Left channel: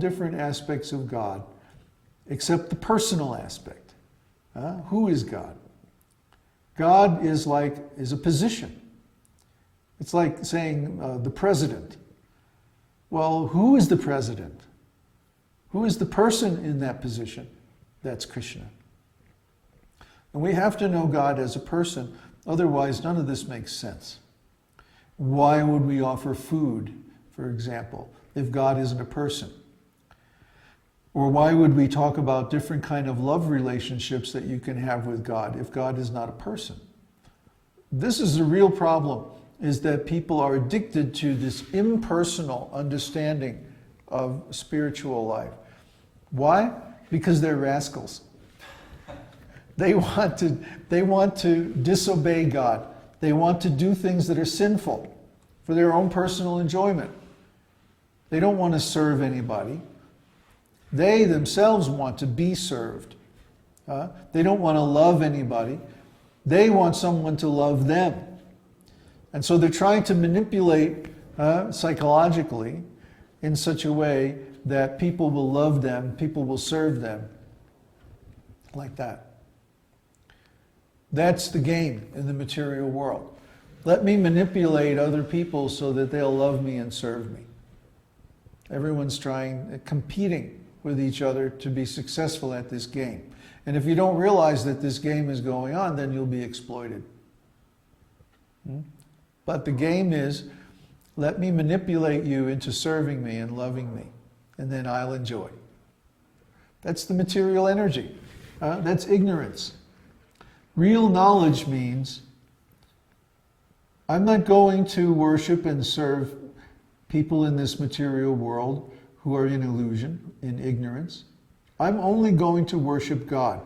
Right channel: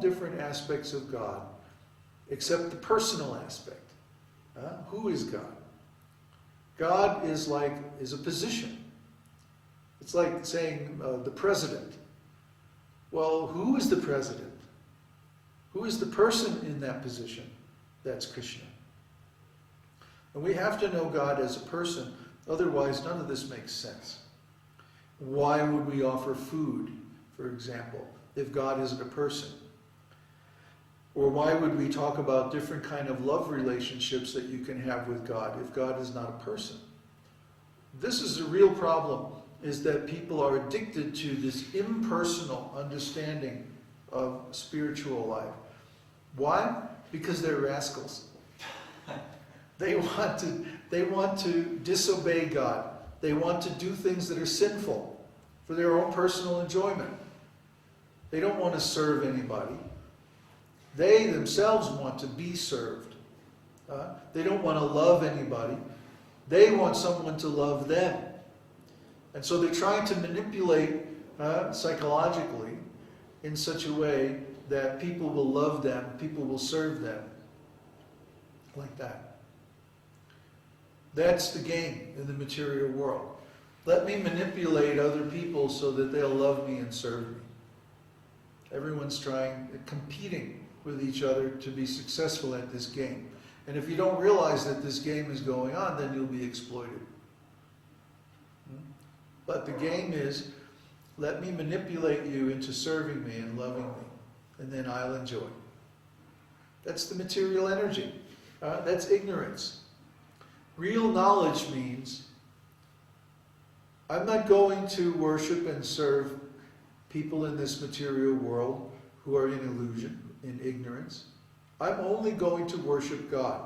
different aspects of God, except the personal aspect. Who is God? God is a position. It's like saying the president. Well, who is the president? Who is the person in that position? That's Krishna. And we have to know God as a person, otherwise none of this makes sense. Why would we offer food, for example, if God isn't a person? Or why would we talk about different kind of love relationships that you can have with God if God is not a person? This is the real problem, is that people are addicted to this impersonal understanding of spiritual life. Why? Because they're rascals. They want to disobey God. They want to do things that are sinful for their own personal enjoyment. They don't want to serve anybody. They themselves want to be served. They don't want to love anybody. They want someone to love them. And so they're trying to manipulate psychologically in such a way that people will love them, people will serve them, like that. That's the game in the material world. Let me manipulate other people so that they'll love me and serve me. Everyone's competing with each other to be successful at this game. And if you don't realize that this game is going on, then you'll be exploited. But the game is, let me manipulate you into serving me and loving me, and then I'll enjoy. That's the material energy. That's ignorance. Real knowledge means I'm not going to worship and serve people in this material world who are in illusion, in ignorance. I'm only going to worship God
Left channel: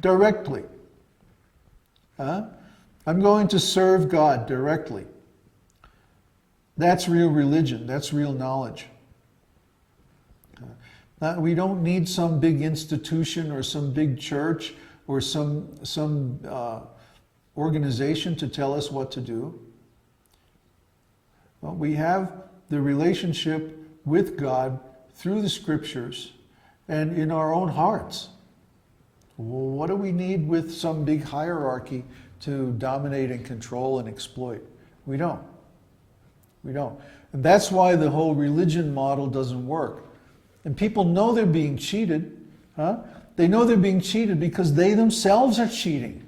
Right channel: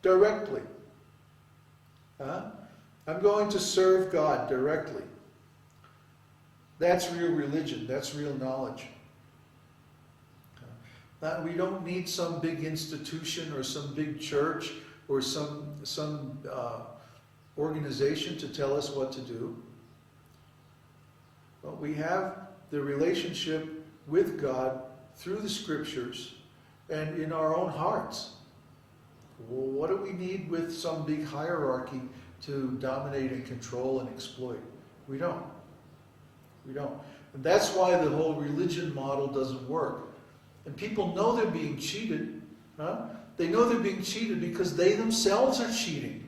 directly. I'm going to serve God directly. That's real religion. That's real knowledge. We don't need some big institution or some big church or some organization to tell us what to do. Well, we have the relationship with God through the scriptures and in our own hearts. Well, what do we need with some big hierarchy to dominate and control and exploit? We don't. We don't. And that's why the whole religion model doesn't work. And people know they're being cheated. They know they're being cheated because they themselves are cheating.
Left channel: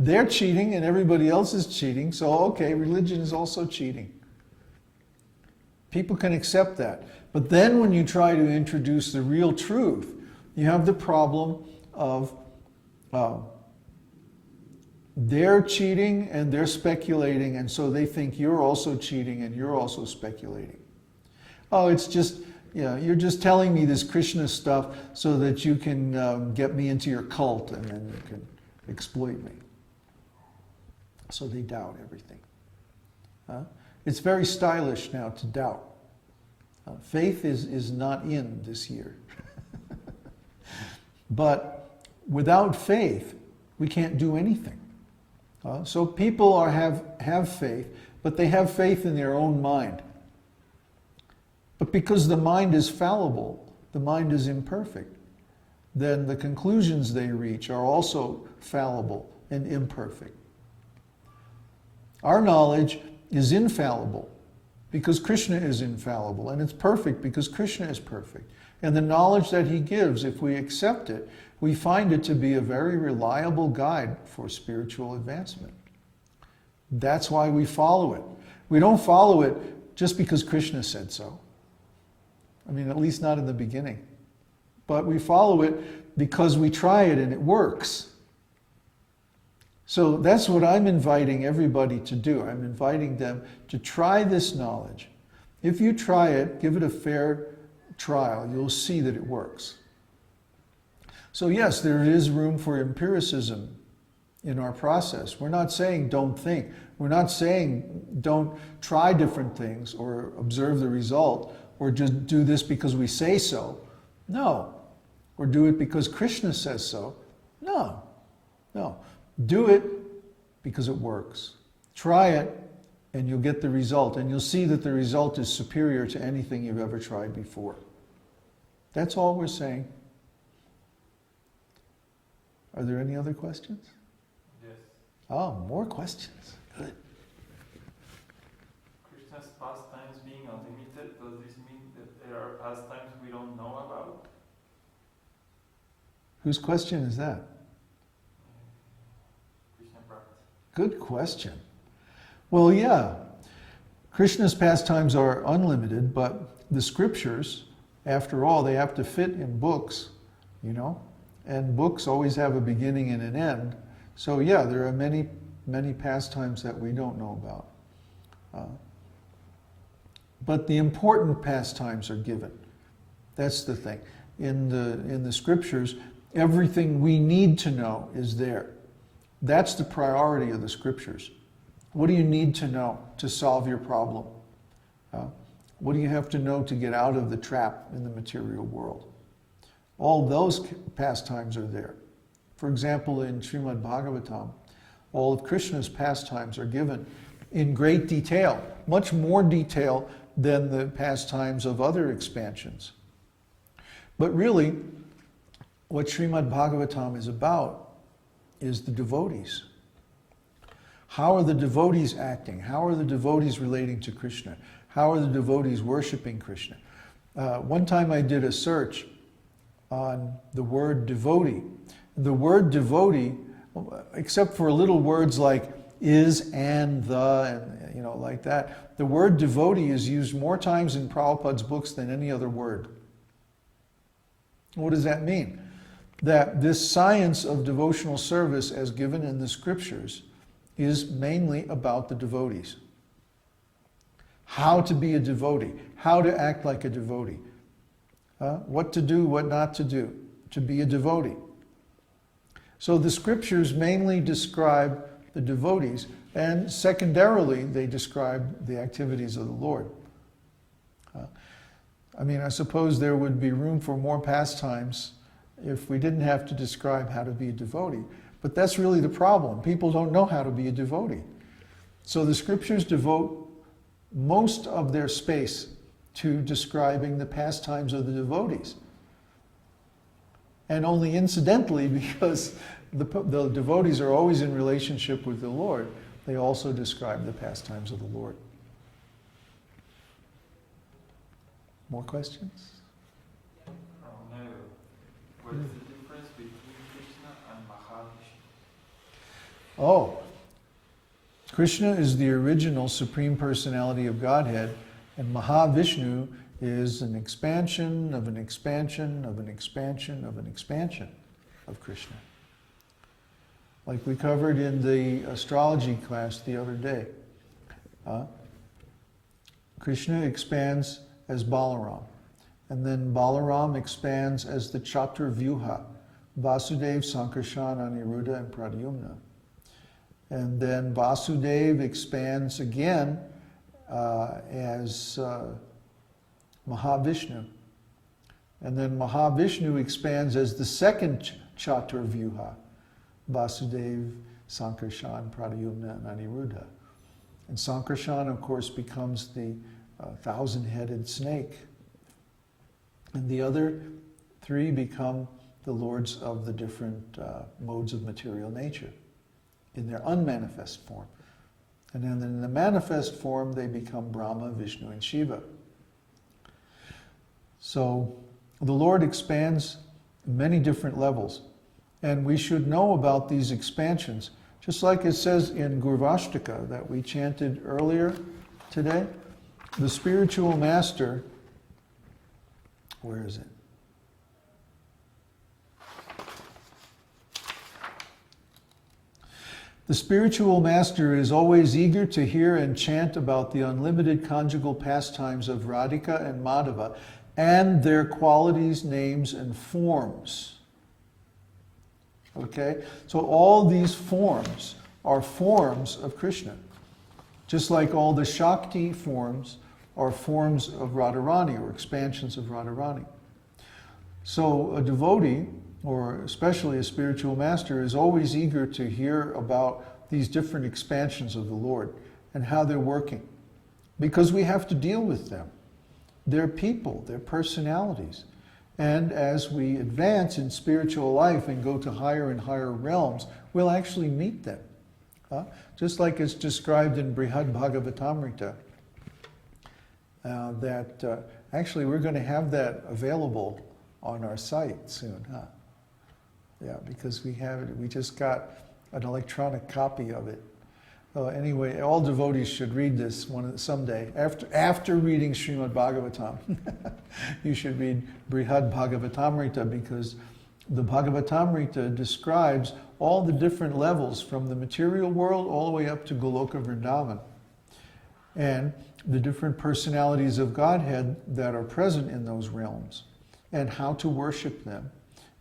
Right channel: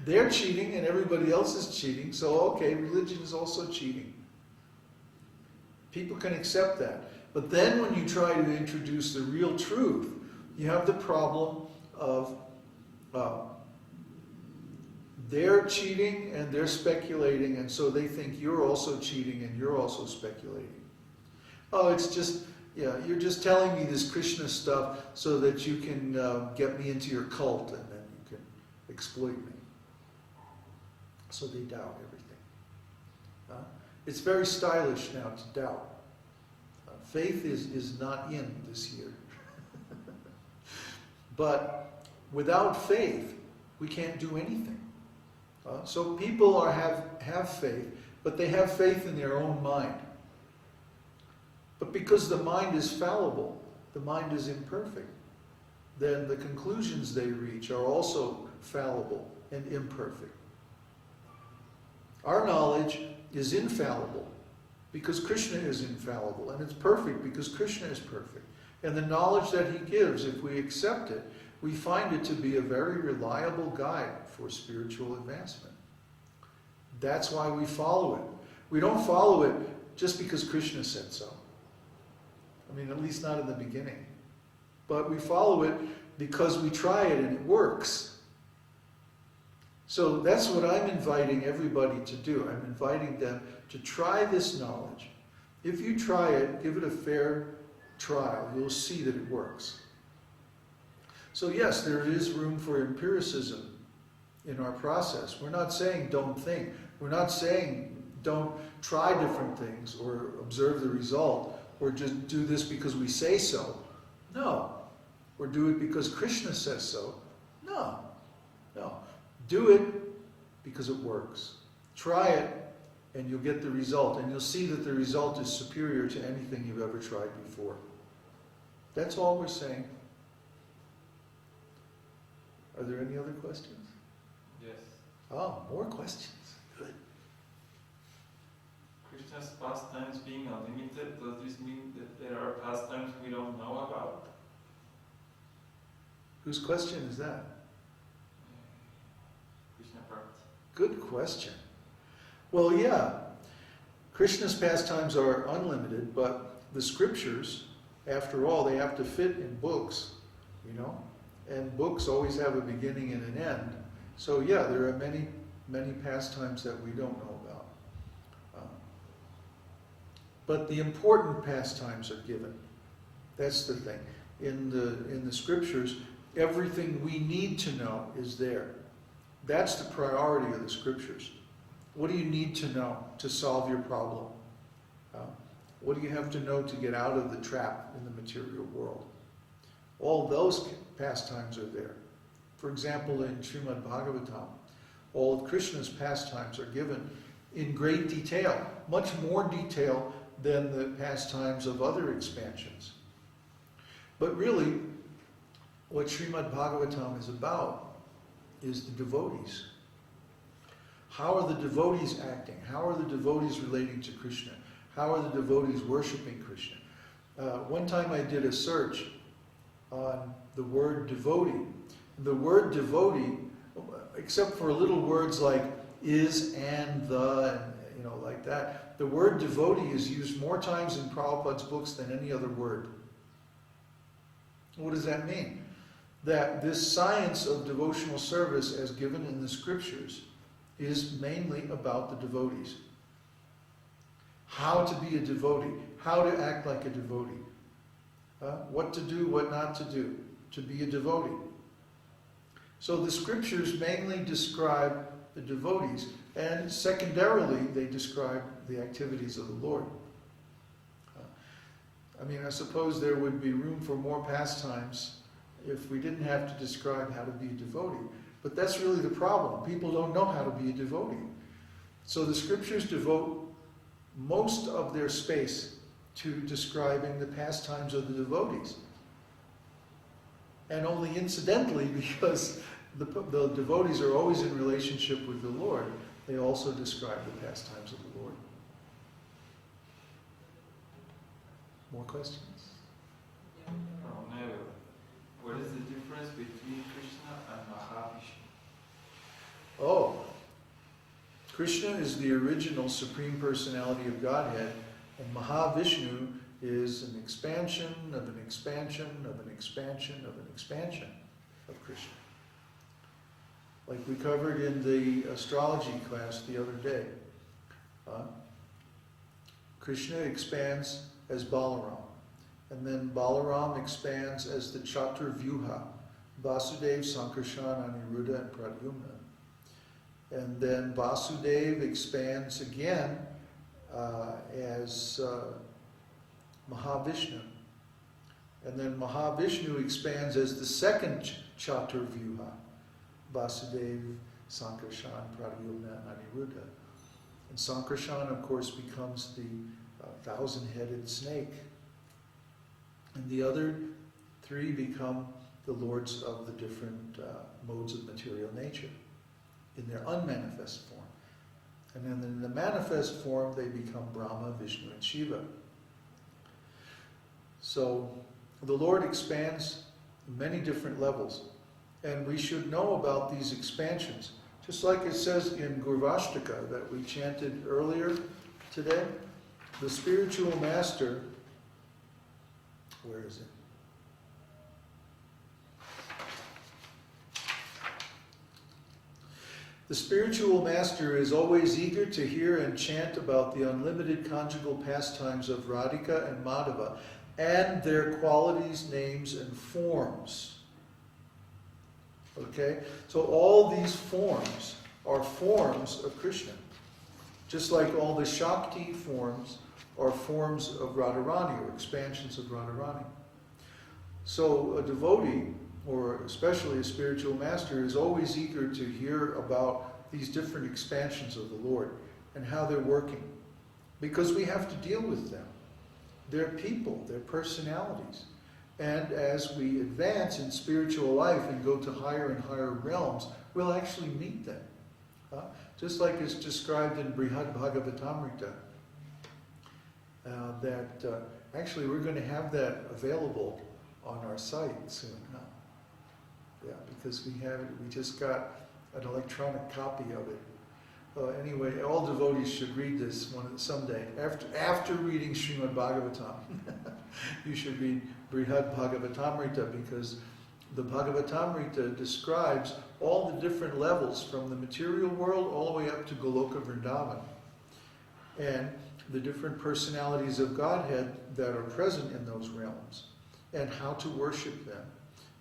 They're cheating and everybody else is cheating, so okay, religion is also cheating. People can accept that. But then when you try to introduce the real truth, you have the problem of they're cheating and they're speculating, and so they think you're also cheating and you're also speculating. Oh, it's just, you're just telling me this Krishna stuff so that you can get me into your cult and then you can exploit me. So they doubt everything. It's very stylish now to doubt. Faith is not in this year. But without faith, we can't do anything. So people have faith, but they have faith in their own mind. But because the mind is fallible, the mind is imperfect, then the conclusions they reach are also fallible and imperfect. Our knowledge is infallible because Krishna is infallible, and it's perfect because Krishna is perfect. And the knowledge that he gives, if we accept it, we find it to be a very reliable guide for spiritual advancement. That's why we follow it. We don't follow it just because Krishna said so. I mean, at least not in the beginning. But we follow it because we try it and it works. So that's what I'm inviting everybody to do. I'm inviting them to try this knowledge. If you try it, give it a fair trial, you'll see that it works. So yes, there is room for empiricism in our process. We're not saying don't think. We're not saying don't try different things or observe the result or just do this because we say so. No. Or do it because Krishna says so. No. No. Do it because it works. Try it and you'll get the result, and you'll see that the result is superior to anything you've ever tried before. That's all we're saying. Are there any other questions? Yes. Oh, more questions. Good. Krishna's pastimes being unlimited, does this mean that there are pastimes we don't know about? Whose question is that? Krishna Bhakt. Good question. Well, yeah, Krishna's pastimes are unlimited, but the scriptures, after all, they have to fit in books, you know, and books always have a beginning and an end. So yeah, there are many, many pastimes that we don't know about. But the important pastimes are given. That's the thing. In the scriptures, everything we need to know is there. That's the priority of the scriptures. What do you need to know to solve your problem? What do you have to know to get out of the trap in the material world? All those pastimes are there. For example, in Srimad Bhagavatam, all of Krishna's pastimes are given in great detail, much more detail than the pastimes of other expansions. But really, what Srimad Bhagavatam is about is the devotees. How are the devotees acting? How are the devotees relating to Krishna? How are the devotees worshiping Krishna? One time I did a search on the word devotee. The word devotee, except for little words like is and the, you know, like that, the word devotee is used more times in Prabhupada's books than any other word. What does that mean? That this science of devotional service as given in the scriptures is mainly about the devotees. How to be a devotee, how to act like a devotee, what to do, what not to do, to be a devotee. So the scriptures mainly describe the devotees, and secondarily they describe the activities of the Lord. I mean, I suppose there would be room for more pastimes if we didn't have to describe how to be a devotee. But that's really the problem. People don't know how to be a devotee. So the scriptures devote most of their space to describing the pastimes of the devotees. And only incidentally, because the devotees are always in relationship with the Lord, they also describe the pastimes of the Lord. More questions? What is the difference between Krishna and Mahavishnu? Oh, Krishna is the original Supreme Personality of Godhead, and Mahavishnu is an expansion of an expansion of an expansion of an expansion of Krishna. Like we covered in the astrology class the other day. Krishna expands as Balaram. And then Balaram expands as the Chaturvyuha, Vasudeva, Sankarshan, Aniruddha, and Pradyumna. And then Vasudeva expands again as Mahavishnu. And then Mahavishnu expands as the second Chaturvyuha, Vasudeva, Sankarshan, Pradyumna, and Aniruddha. And Sankarshan, of course, becomes the thousand-headed snake. And the other three become the lords of the different modes of material nature in their unmanifest form. And then in the manifest form, they become Brahma, Vishnu, and Shiva. So the Lord expands many different levels. And we should know about these expansions. Just like it says in Gurvashtaka that we chanted earlier today, the spiritual master, where is it? The spiritual master is always eager to hear and chant about the unlimited conjugal pastimes of Radhika and Madhava and their qualities, names, and forms. Okay? So all these forms are forms of Krishna. Just like all the Shakti forms are forms of Radharani or expansions of Radharani. So a devotee, or especially a spiritual master, is always eager to hear about these different expansions of the Lord. and how they're working. Because we have to deal with them. They're people, they're personalities. And as we advance in spiritual life and go to higher and higher realms, we'll actually meet them. Just like it's described in Brihad Bhagavatamrita, that actually we're going to have that available on our site soon. Yeah, because we just got an electronic copy of it. Anyway, all devotees should read this someday. After reading Srimad Bhagavatam, you should read Brihad Bhagavatamrita, because the Bhagavatamrita describes all the different levels from the material world all the way up to Goloka Vrindavan, and the different personalities of Godhead that are present in those realms, and how to worship them,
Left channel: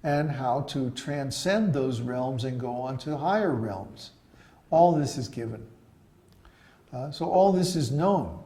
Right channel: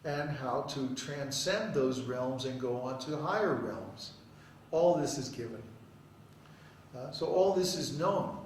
and how to transcend those realms and go on to higher realms. All this is given. So all this is known.